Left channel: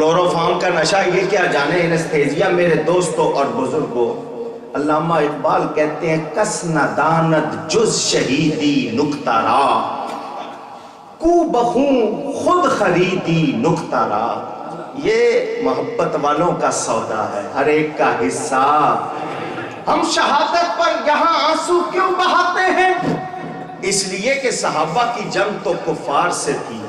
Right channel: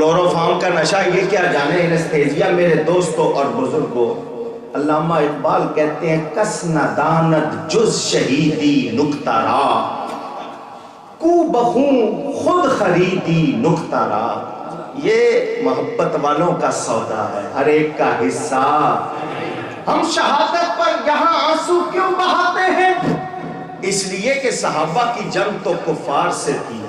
Chloroform کا نشہ یہ کیا جانے اینستھیزیا میرے دوستوں اور بزرگوں. علامہ اقبال کہتے ہیں کس نداند جز شہیدی نکتہ را، کو بخوں خود خریدی نکتہ را. یہ محبت والوں کا سودا ہے، ہر ایک کا حصہ. ہم شہادت پر یہاں آنسو کیوں بہاتے ہیں؟ اس لیے کہ صحابہ کی جنگ تو کفار سے تھی،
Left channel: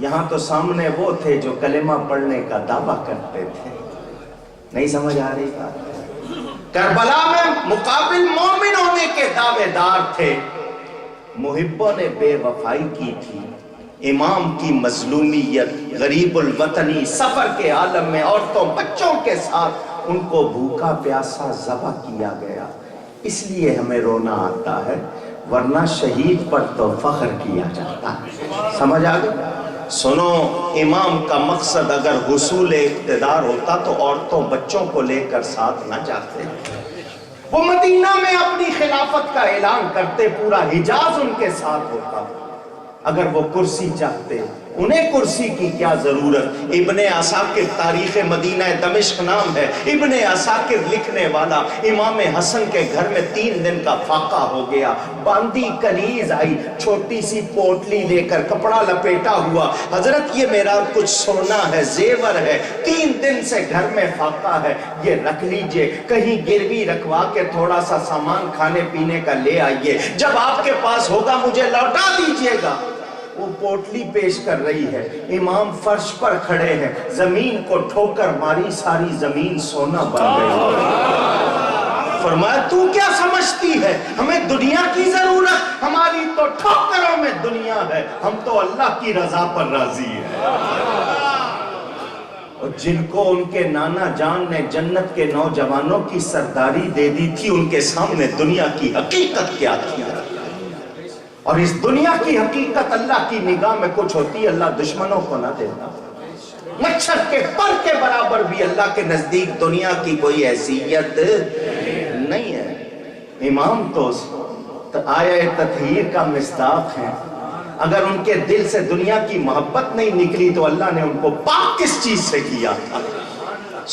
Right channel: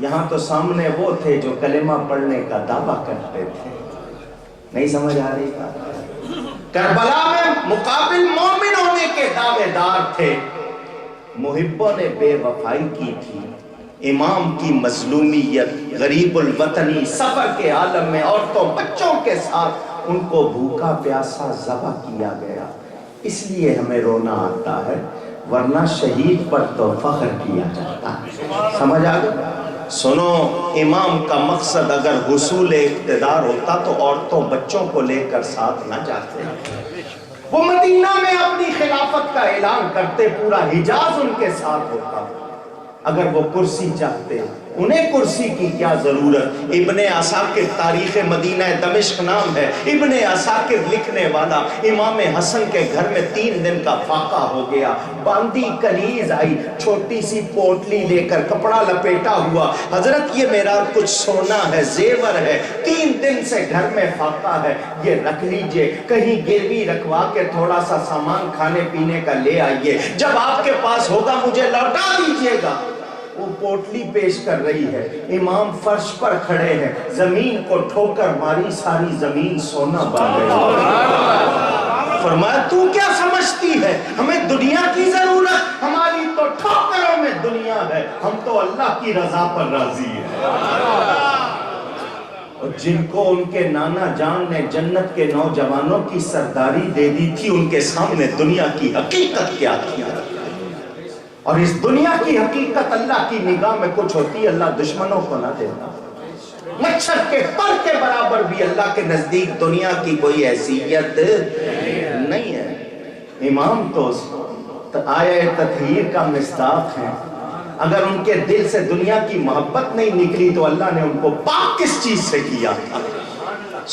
یہاں تو سامنے وہ تھے جو کلمہ پڑھنے کا دعویٰ کرتے تھے. نہیں سمجھ آ رہی بات؟ کربلا میں مقابل مومن ہونے کے دعوے دار تھے، محبوں نے بے وفائی کی تھی. امام کی مظلومیت، غریب الوطنی، سفر کے عالم میں عورتوں بچوں کے ساتھ ان کو بھوکا پیاسا ذبح کیا گیا. اس لیے ہمیں رونا آتا ہے، ورنہ شہید پر تو فخر کیا جاتا ہے. سمجھ آ گیا؟ سنو، امام کا مقصد اگر حصول اقتدار ہوتا تو عورتوں بچوں کو لے کر ساتھ نہ جاتے. وہ مدینہ میں اپنی خلافت کا اعلان کرتے، پورا حجاز ان کے ساتھ ہوتا. اگر وہ کرسی چاہتے، انہیں کرسی کی کیا ضرورت؟ ابن عساکر تاریخ مدینہ دمشق نام ہے، ابن عساکر لکھنے والا. امام حسن کے گھر میں 3 دن کا فاقہ ہو گیا، باندی کنیز آئی، چھوٹی سی پوٹلی لے کر، کپڑا لپیٹا ہوا. حضرت یہ میرا کچھ سونا ہے، زیور ہے، 3 دن سے گھر میں فاقہ ہے، یہ رکھ لیجئے، کہیں گروی رکھوا کے تھوڑا سا سامان کھانے پینے کا لے آئیے، جب آپ کے پاس ہوگا مجھے لوٹا دیجئے گا. وہ پوٹلی پیش کر رہی ہے، امام فرش پر کھڑے ہیں، زمین کو ٹھوکر ماری، ساری زمین سونا بن گئی. فرمایا تو کیا سمجھتی ہے، ہمیں دنیا کی ضرورت؟ ہماری تو ٹھوکروں میں دنیا ہے، ہم تو اللہ کی رضا پر راضی ہیں. اور جن کو ان کے نانا جان نے جنت کے نوجوانوں کی سرداری دے دی تھی، ان کے سامنے دنیا کی حقیقت کیا تھی؟ اور اس دنیا کی حقیقت اللہ کی نگاہ میں کچھ ہوتی، اللہ دشمنوں کو نہ دیتا. مچھر کے پر کے برابر بھی اللہ کے نزدیک دنیا کی کوئی حیثیت نہیں ہے. امام تو آیہ تطہیر کا مصداق ہے. اگر ان کے دل سے دنیا کی محبت نہیں نکلی تو اللہ نے ان کو پاک کس چیز سے کیا تھا؟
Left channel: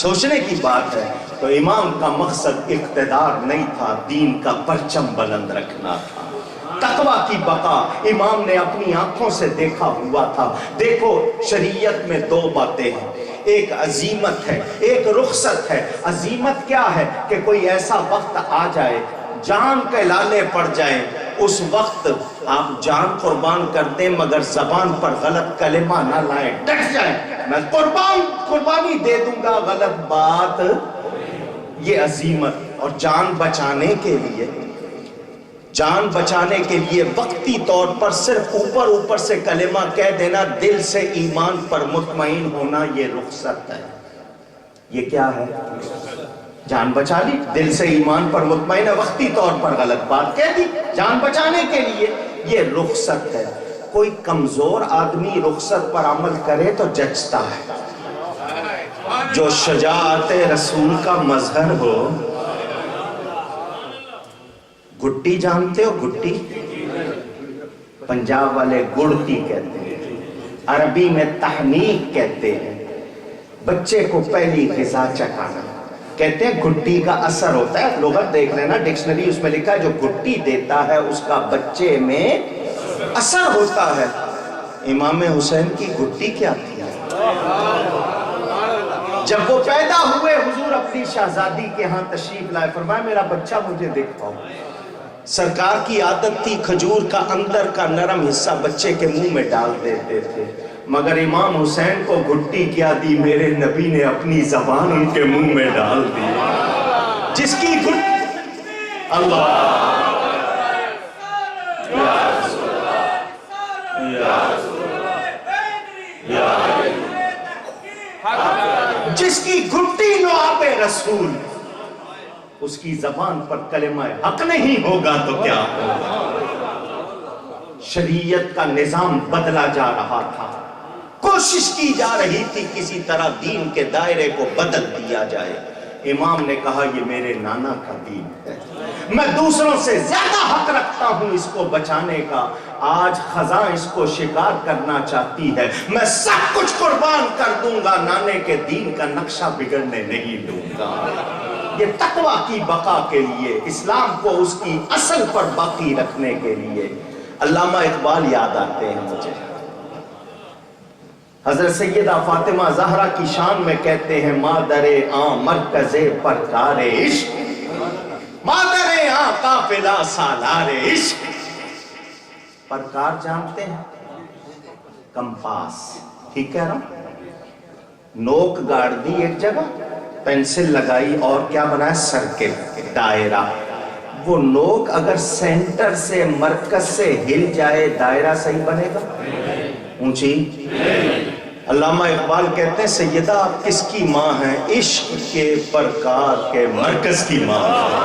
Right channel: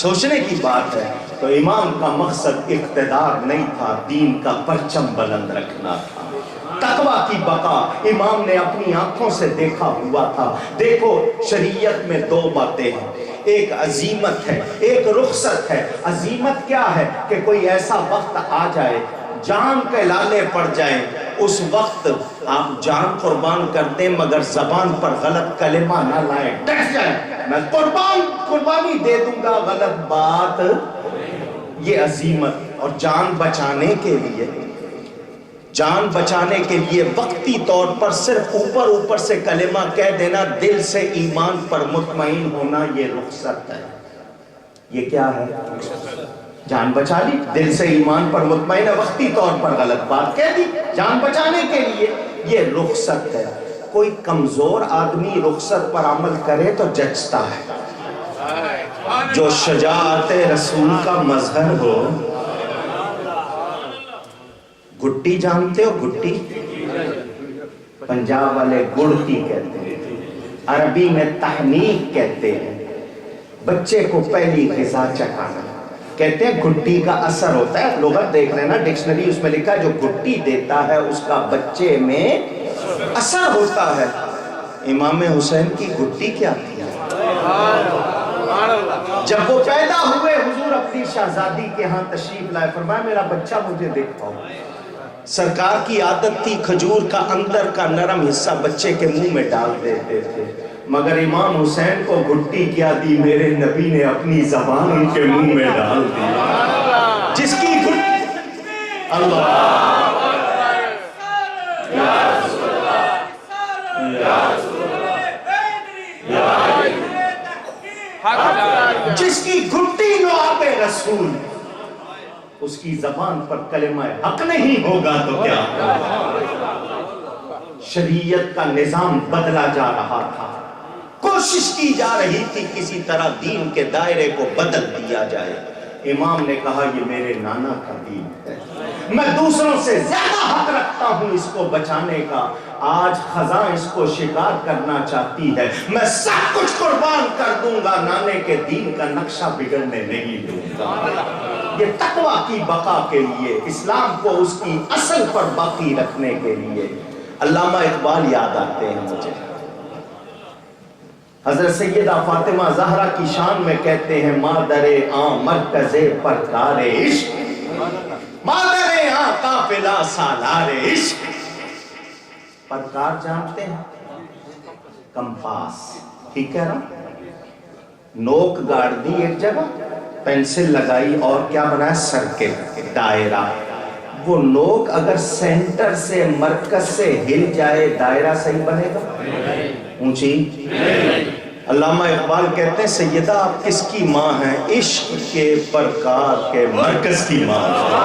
سوچنے کی بات ہے. تو امام کا مقصد اقتدار نہیں تھا، دین کا پرچم بلند رکھنا تھا. تقویٰ کی بقا امام نے اپنی آنکھوں سے دیکھا ہوا تھا. دیکھو شریعت میں 2 باتیں ہیں، ایک عزیمت ہے، ایک رخصت ہے. عزیمت کیا ہے؟ کہ کوئی ایسا وقت آ جائے، جان کے لالے پڑ جائیں، اس وقت آپ جان قربان کر دیں مگر زبان پر غلط کلمہ نہ لائیں، ڈٹ جائیں، میں قربانی دے دوں گا، غلط بات. یہ عزیمت. اور جان بچانے کے لیے وقتی طور پر صرف اوپر سے کلمہ کہہ دینا، دل سے ایمان پر مطمئن ہونا، یہ رخصت ہے. یہ کیا ہے؟ جان بچا لی، دل سے ایمان پر مطمئن ہے، وقتی طور پر غلط بات کہہ دی جان بچانے کے لیے، یہ رخصت ہے. کوئی کمزور آدمی رخصت پر عمل کرے تو جچتا ہے. جو شجاعت رسول کا مظہر ہو. گھٹی جانتے ہو؟ گھٹی پنجاب والے گڑتی کہتے ہیں، عربی میں تحنیک کہتے ہیں. بچے کو پہلی غذا چکھانا کہتے ہیں. گھٹی کا اثر ہوتا ہے، لغت دیکھ لینا ڈکشنری، اس میں لکھا ہے جو گھٹی دیتا ہے اس کا بچے میں اثر ہوتا ہے. امام حسین کی گھٹی کیا تھی؟ جب وہ پیدا ہوئے حضور اپنی شہزادی کے ہاں تشریف لائے، فرمایا میرا بچہ مجھے دکھاؤ. سرکار کی عادت تھی کھجور کا اندر کا نرم حصہ بچے کے منہ میں ڈال دیتے تھے، مگر امام حسین کو گھٹی کیا دی؟ میرے نبی نے اپنی زبان ان کے منہ میں ڈال دی. جس کی اللہ جس کی گھٹی نو آپ رسول، اس کی زبان پر کلمہ حق نہیں ہوگا تو کیا ہوگا؟ شریعت کا نظام بدلا جا رہا تھا، کوشش کی جا رہی تھی کسی طرح دین کے دائرے کو بدل دیا جائے. امام نے کہا یہ میرے نانا کا دین ہے، میں دوسروں سے زیادہ حق رکھتا ہوں اس کو بچانے کا، آج خزاں اس کو شکار کرنا چاہتی ہے، میں سب کچھ قربان کر دوں گا، نانے کے دین کا نقشہ بگڑنے نہیں دوں گا۔ یہ تقویٰ کی بقا کے لیے، اسلام کو اس کی اصل پر باقی رکھنے کے لیے۔ علامہ اقبال یاد آتے ہیں مجھے، حضرت سیدہ فاطمہ زہرا کی شان میں کہتے ہیں مادر آں مرکز پرکار عشق، مادر آں قافلہ سالار عشق۔ پرکار جانتے ہیں؟ کمپاس، ٹھیک کہہ رہا ہوں؟ نوک گاڑ دی ایک جگہ، پینسل لگائی اور کیا بنایا؟ سرکل، دائرہ۔ وہ نوک اگر سینٹر سے مرکز سے ہل جائے دائرہ صحیح بنے گا؟ اونچی؟ علامہ اقبال کہتے ہیں سیدہ آپ کس کی ماں ہیں؟ عشق کے پرکار کے مرکز کی ماں ہیں۔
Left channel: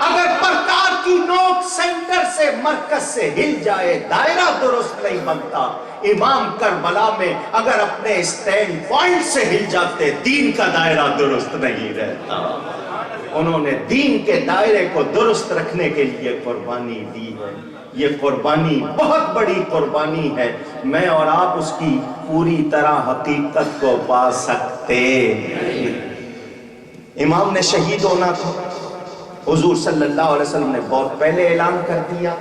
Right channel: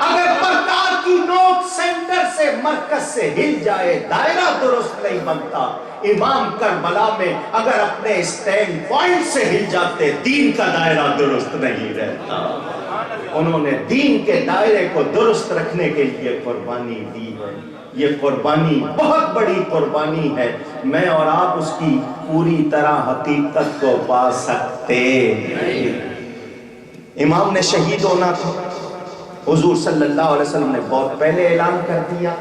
اگر پرکار کی نوک سینٹر سے مرکز سے ہل جائے دائرہ درست نہیں بنتا۔ امام کربلا میں اگر اپنے اسٹینڈ پوائنٹ سے ہل جاتے دین کا دائرہ درست نہیں رہتا۔ انہوں نے دین کے دائرے کو درست رکھنے کے لیے قربانی دی ہے۔ یہ قربانی بہت بڑی قربانی ہے، میں اور آپ اس کی پوری طرح حقیقت کو پا سکتے۔ امام نے شہید ہونا تھا، حضور صلی اللہ علیہ وسلم نے بہت پہلے اعلان کر دیا،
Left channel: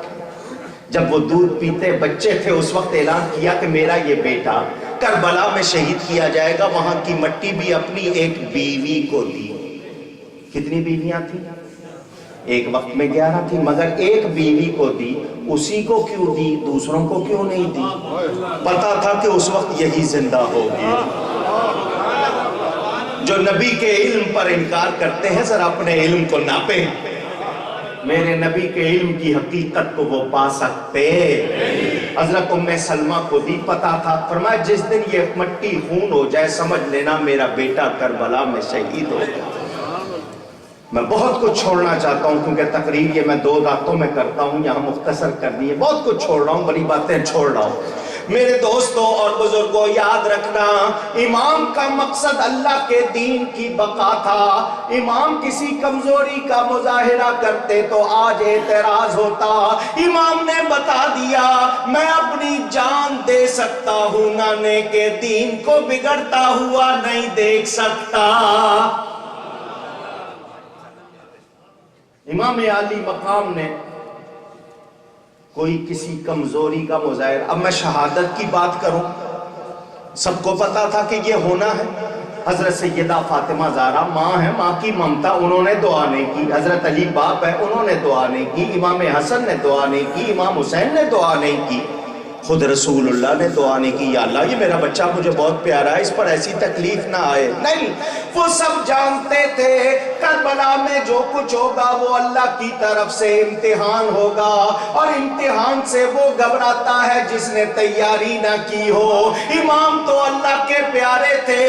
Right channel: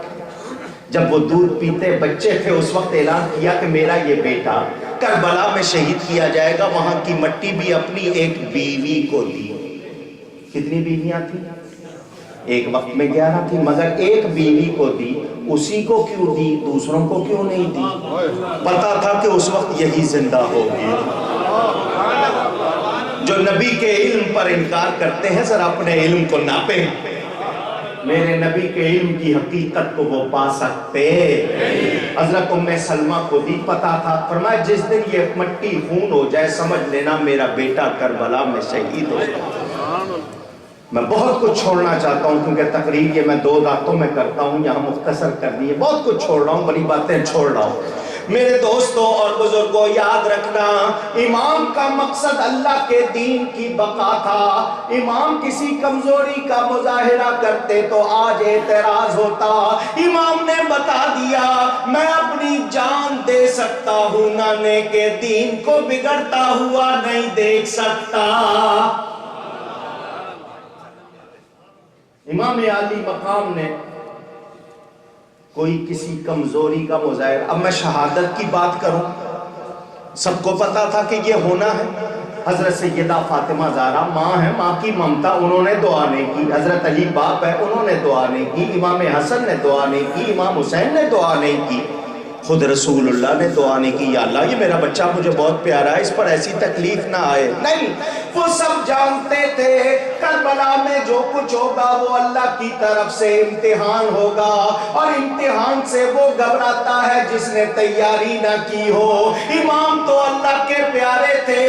جب وہ دودھ پیتے بچے تھے اس وقت اعلان کیا کہ میرا یہ بیٹا کربلا میں شہید کیا جائے گا، وہاں کی مٹی بھی اپنی ایک بیوی کو دی۔ کتنی بیویاں تھیں؟ ایک وقت میں 11 تھی، مگر ایک بیوی کو دی، اسی کو کیوں دی؟ دوسروں کو کیوں نہیں دی؟ پتا تھا کہ اس وقت یہی زندہ ہوگی۔ جو نبی کے علم پر انکار کرتے ہیں ذرا اپنے علم کو ناپیں، میرے نبی کے علم کی حقیقت کو وہ پا سکتے۔ حضرت ام سلمہ کو دی، پتا تھا، فرمایا جس دن یہ مٹی خون ہو جائے سمجھ لینا میرا بیٹا کربلا میں شہید ہو جائے۔ میں بہت کچھ چھوڑنا چاہتا ہوں کیونکہ تقریر یہ میں 2 راتوں میں کرتا ہوں، یہاں مختصر کرنی ہے، بہت کچھ چھوڑ رہا ہوں، بڑی باتیں چھوڑ رہا ہوں۔ میرے دوستوں اور بزرگوں یاد رکھنا، امام کا مقصد اللہ کے دین کی بقا تھا۔ امام کسی کمزوری کا مظاہرہ کرتے تو آج اعتراض ہوتا، امام نے بتا دیا میں اپنی جان دے سکتا ہوں، نانے کے دین کو بگڑتا ہوا نہیں دیکھ سکتا۔ امام عالی مقام نے کوئی کسی کمزوری کا مظاہرہ، اب میں شہادت کی بات کروں، سب کو پتا تھا کہ یہ ہونا ہے۔ حضرت سیدہ فاطمہ زہرا ماں ہے، ماں کی ممتا، انہوں نے دعا نہیں کی۔ حضرت علی باپ ہے، انہوں نے دعا نہیں کی۔ امام حسن نے دعا نہیں کی، امام حسین نے دعا نہیں کی، خود رسول اللہ نے دعا نہیں کی، یا اللہ یہ میرا بچہ مجھے بہت پیارا ہے، اس پر ایسی تکلیف نہ آئے۔ نہیں، وہ سب جانتے تھے کربلا میں جو کچھ ہوگا وہ اللہ کی طرف سے امتحان ہوگا، اور امتحان سے وہ گھبراتا ہے جس نے تیاری نہ کی ہو۔ امام تو اللہ کے پیارے تھے،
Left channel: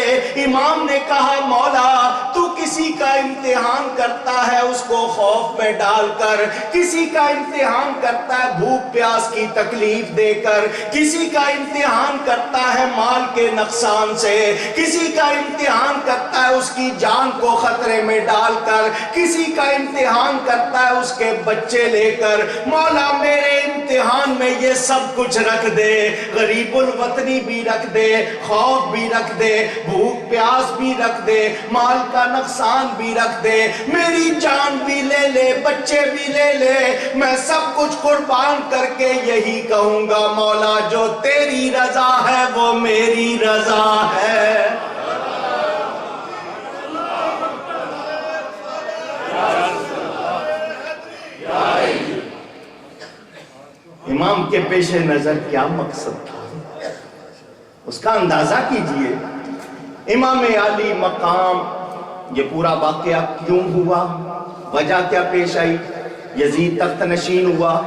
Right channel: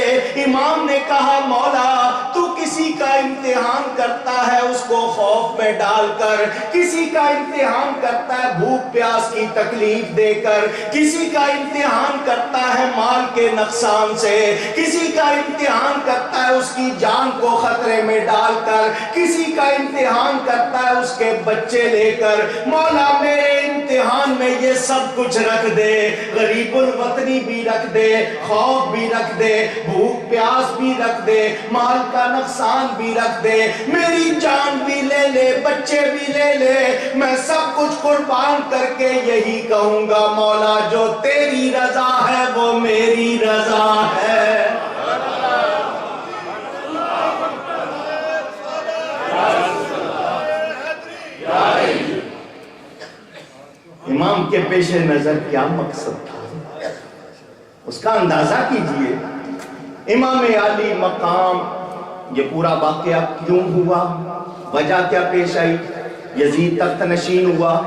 امام نے کہا مولا تو کسی کا امتحان کرتا ہے اس کو خوف میں ڈال کر، کسی کا امتحان کرتا ہے بھوک پیاس کی تکلیف دے کر، کسی کا امتحان کرتا ہے مال کے نقصان سے، کسی کا امتحان کرتا ہے اس کی جان کو خطرے میں ڈال کر، کسی کا امتحان کرتا ہے اس کے بچے لے کر۔ مولا میرے امتحان میں یہ سب کچھ رکھ دے، غریب الوطنی بھی رکھ دے، خوف بھی رکھ دے، بھوک پیاس بھی رکھ دے، مال کا نقصان بھی رکھ دے، میری جان بھی لے لے، بچے بھی لے لے، میں سب کچھ قربان کر کے یہی کہوں گا مولا جو تیری رضا ہے وہ میری رضا ہے۔ امام کے پیش نظر کیا مقصد تھا اس کا اندازہ کیجئے۔ امام عالی مقام یہ پورا واقعہ کیوں ہوا، وجہ کیا پیش آئی؟ یزید تخت نشین ہوا،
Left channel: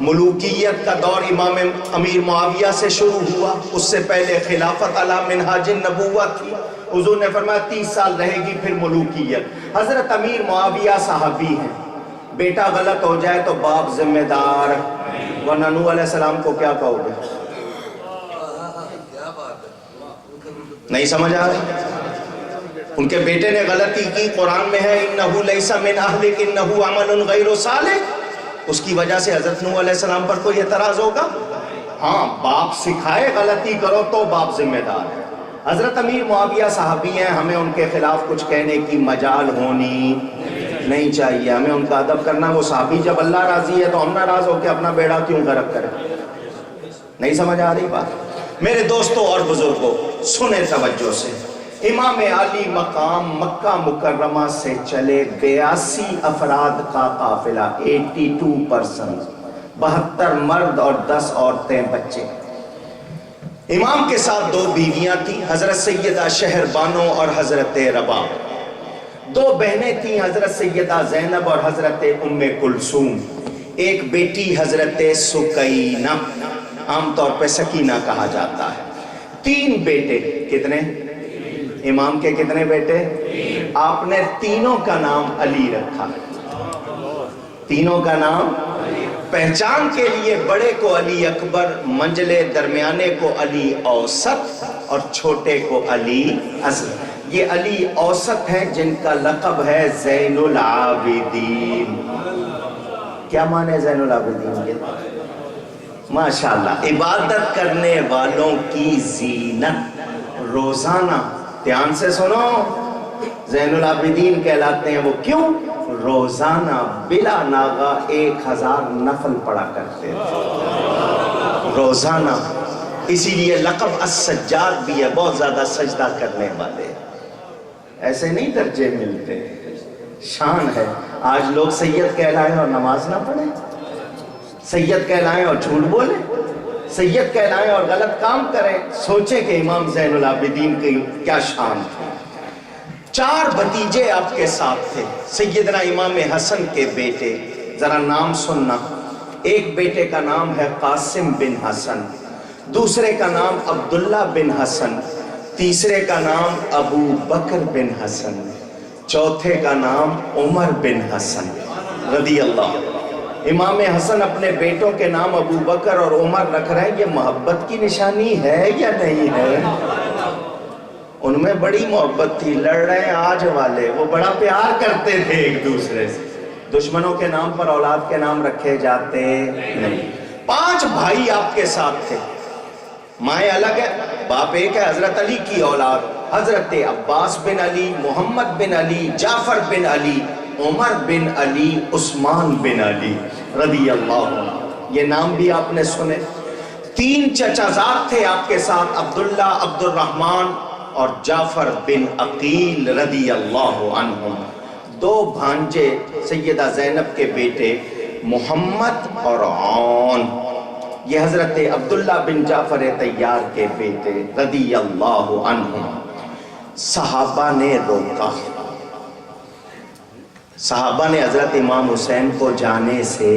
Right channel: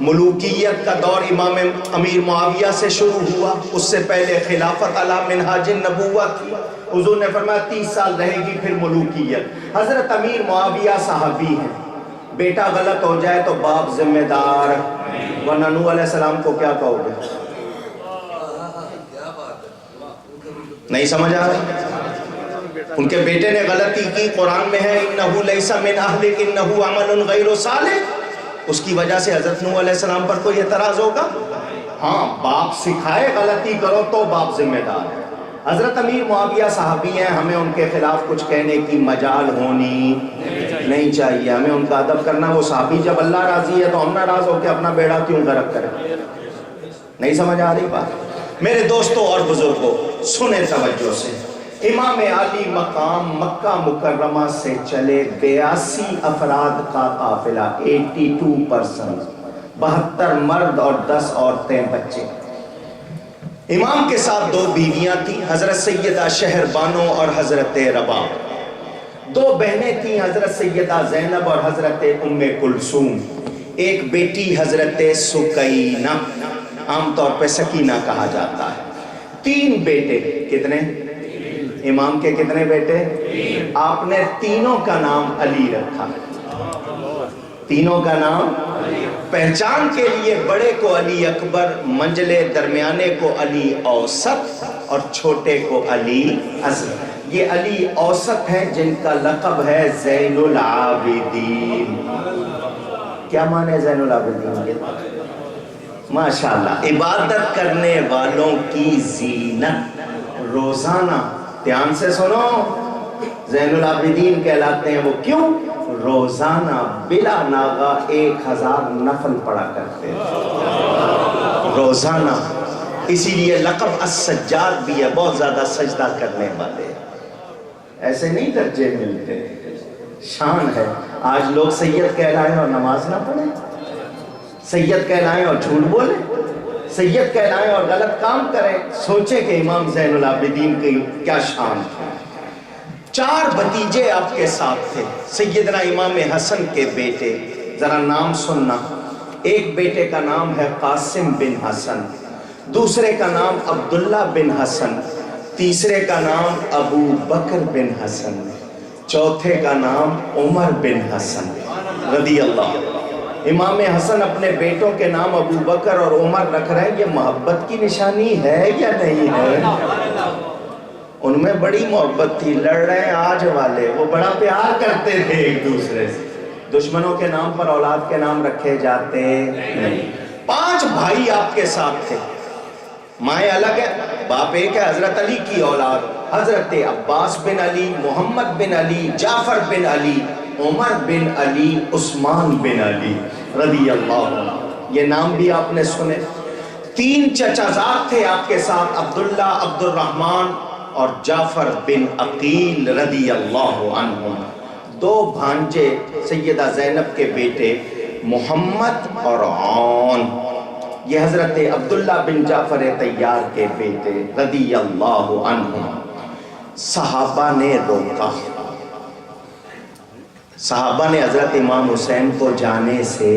ملوکیت کا دور امام امیر معاویہ سے شروع ہوا، اس سے پہلے خلافت علی منہاج النبوہ تھی، حضور نے فرمایا 30 سال رہے گی پھر ملوکیت۔ حضرت امیر معاویہ صحابی ہیں، بیٹا غلط ہو جائے تو باپ ذمہ دار، ورنہ نوح علیہ السلام کو کیا کہو گے؟ نہیں سمجھ آ رہا؟ ان کے بیٹے نے غلطی کی، قرآن میں ہے انہو لیس من اہلک انہو عمل غیر صالح، اس کی وجہ سے حضرت نوح علیہ السلام پر کوئی اعتراض ہوگا؟ ہاں، باپ سکھائے غلطی کرو تو باپ ذمہ دار ہے۔ حضرت امیر معاویہ صحابی ہیں، ہمیں ان کے خلاف کچھ کہنے کی مجال ہونی نہیں چاہیے، ہمیں ان کا ادب کرنا۔ وہ صحابی جب اللہ راضی ہے تو ہم ناراض ہو کے اپنا بیڑا کیوں غرق کریں؟ نہیں سمجھ آ رہی بات؟ میرے دوستوں اور بزرگوں سنیں توجہ سے، امام علی مقام مکہ مکرمہ سے چلے 82 افراد کا قافلہ، 82%، 72 مرد اور 10 عورتیں بچے۔ امام کے ساتھ 2 بیویاں تھیں، حضرت سیدہ شہر بانو اور حضرت رباب۔ 2 بہنیں تھیں، حضرت سیدہ زینب اور حضرت ام کلثوم۔ ایک بیٹی حضرت سکینہ، عام طور پہ سکینہ کہا جاتا ہے۔ 3 بیٹے، کتنے؟ امام کے کتنے بیٹے؟ آپ نے تینوں کا نام علی رکھا، تینوں کا نام پہچان کے لیے، بڑے کو علی اکبر، منجلے درمیانے کو علی اوسط اور چھوٹے کو علی اصغر۔ یہ علی اوسط ہیں جن کا لقب ہے زین العابدین۔ کیا معنی زین العابدین کے؟ ماشاءاللہ، عبادت کرنے والوں کی زینت۔ روزانہ دھیان سے سنو، زین العابدین کہلاتے ہیں وہ کیوں؟ روزانہ بلا ناغہ 1000 نفل پڑھا کرتے ہیں روزانہ، اسی لیے لقب السجاد بھی ہے، بہت زیادہ سجدہ کرنے والے۔ ایسے نہیں درجے ملتے، شان ہے۔ آج لوگ سید کہلائیں اور نماز نہ پڑھیں، سید کہلائیں اور جھوٹ بولیں، سید کہلائیں اور غلط کام کریں۔ سوچیں کہ امام زین العابدین کی کیا شان تھی۔ 4 بھتیجے آپ کے ساتھ تھے، سیدنا امام حسن کے بیٹے، ذرا نام سننا۔ ایک بیٹے کا نام ہے قاسم بن حسن، دوسرے کا نام عبداللہ بن حسن، تیسرے کا نام ابو بکر بن حسن، چوتھے کا نام عمر بن حسن رضی اللہ۔ امام حسن اپنے بیٹوں کے نام ابو بکر اور عمر رکھ رہے ہیں، یہ محبت کی نشانی ہے یا نہیں ہے؟ ان میں بڑی محبت تھی، لڑ رہے ہیں آج والے، وہ بڑا پیار کرتے تھے ایک دوسرے سے۔ دشمنوں کے نام پر اولاد کے نام رکھے جاتے نہیں۔ 5 بھائی آپ کے ساتھ تھے، مائیں الگ ہے، باپ ایک ہے۔ حضرت علی کی اولاد حضرت عباس بن علی، محمد بن علی، جعفر بن علی، عمر بن علی، عثمان بن علی رضی اللہ عنہ۔ یہ نام بھی آپ نے سنے۔ 3 چچا زاد تھے آپ کے ساتھ، عبداللہ، عبد الرحمن اور جعفر بن عقیل رضی اللہ عنہم۔ 2 بھانجے سیدہ زینب کے بیٹے محمد اور عون، یہ حضرت عبداللہ بن جعفر طیار کے بیٹے رضی اللہ عنہم۔ صحابہ نے روکا، صحابہ نے حضرت امام حسین کو جانے سے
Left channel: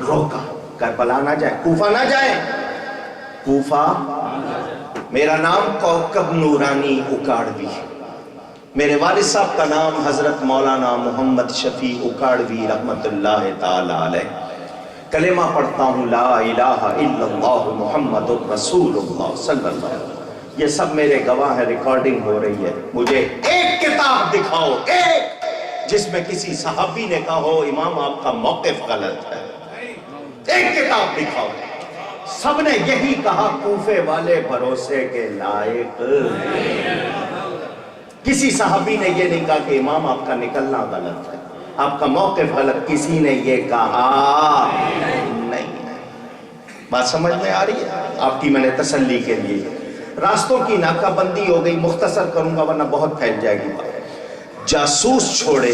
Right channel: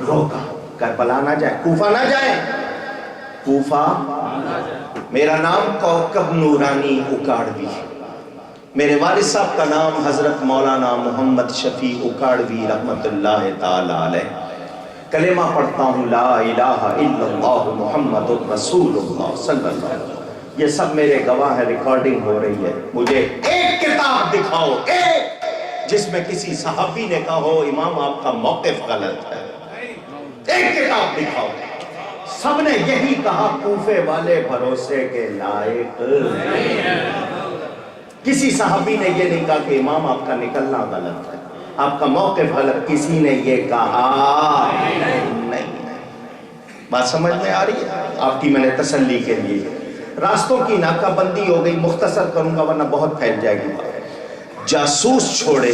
روکا، کربلا نہ جائیں، کوفہ نہ جائیں، کوفہ۔ میرا نام کوکب نورانی اکاڑوی، میرے والد صاحب کا نام حضرت مولانا محمد شفیع اکاڑوی رحمت اللہ تعالی علیہ۔ کلمہ پڑھتا ہوں لا الہ الا اللہ محمد رسول اللہ صلی اللہ علیہ وسلم۔ یہ سب میرے گواہ ہیں، ریکارڈنگ ہو رہی ہے۔ مجھے ایک کتاب دکھاؤ، ایک، جس میں کسی صحابی نے کہا ہو امام آپ کا موقف غلط ہے، ایک کتاب دکھاؤ۔ سب نے یہی کہا، کوفے والے بھروسے کے لائق۔ کسی صحابی نے یہ نہیں کہا کہ امام آپ کا نکلنا غلط ہے، آپ کا موقف غلط، کسی نے یہ کہا نہیں۔ بات سمجھ میں آ رہی ہے؟ آپ کی میں نے تسلی کے لیے راستوں کی ناکہ بندی ہو گئی، مختصر کروں گا ورنہ بہت پھیل جائے گی بات۔ جاسوس چھوڑے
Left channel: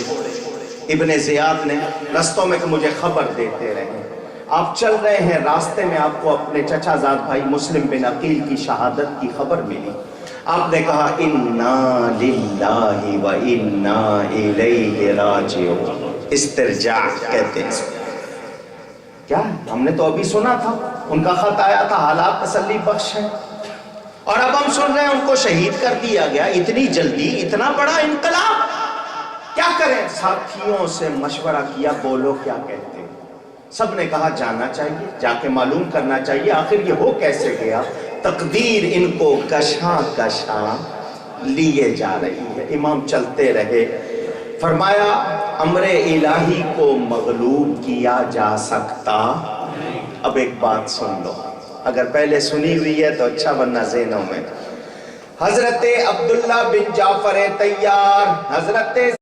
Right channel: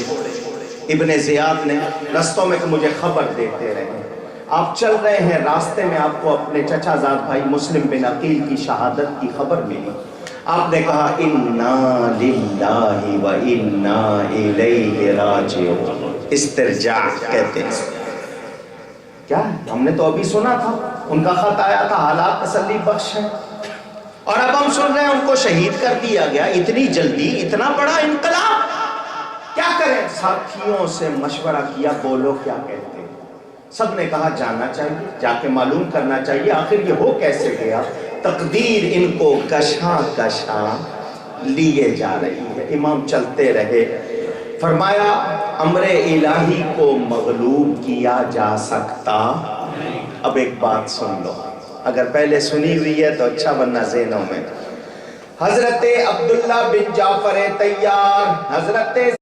ابن زیاد نے رستوں میں کہ مجھے خبر دیتے رہے، آپ چل رہے ہیں، راستے میں آپ کو اپنے چچا زاد بھائی مسلم بن عقیل کی شہادت کی خبر ملی۔ آپ نے کہا انا للہ و انا الیہ راجعون، استرجاع کہتے ہیں۔ کیا ہم نے تو ابھی سنا تھا، ان کا خط آیا تھا، حالات تسلی بخش ہیں، اور اب ہم سن رہے ہیں ان کو شہید کر دیا گیا۔ اتنی جلدی، اتنا بڑا انقلاب، کیا کریں؟ ساتھیوں سے مشورہ کیا، بولو کیا کہتے ہیں۔ سب نے کہا جانا چاہیے، جا کے معلوم کرنا چاہیے آخر یہ ہو کیسے گیا۔ تقدیر ان کو کشاں کشاں لیے جا رہی ہے۔ امام چلتے رہے، فرمایا امر الہی کو مغلوب کیا جا سکتا۔ اب ایک بات سن لو، اگر پہلے سنی ہوئی ہے تو اچھا، ورنہ ذہنوں میں۔ حضرت عبداللہ بن جعفر طیار، حضرت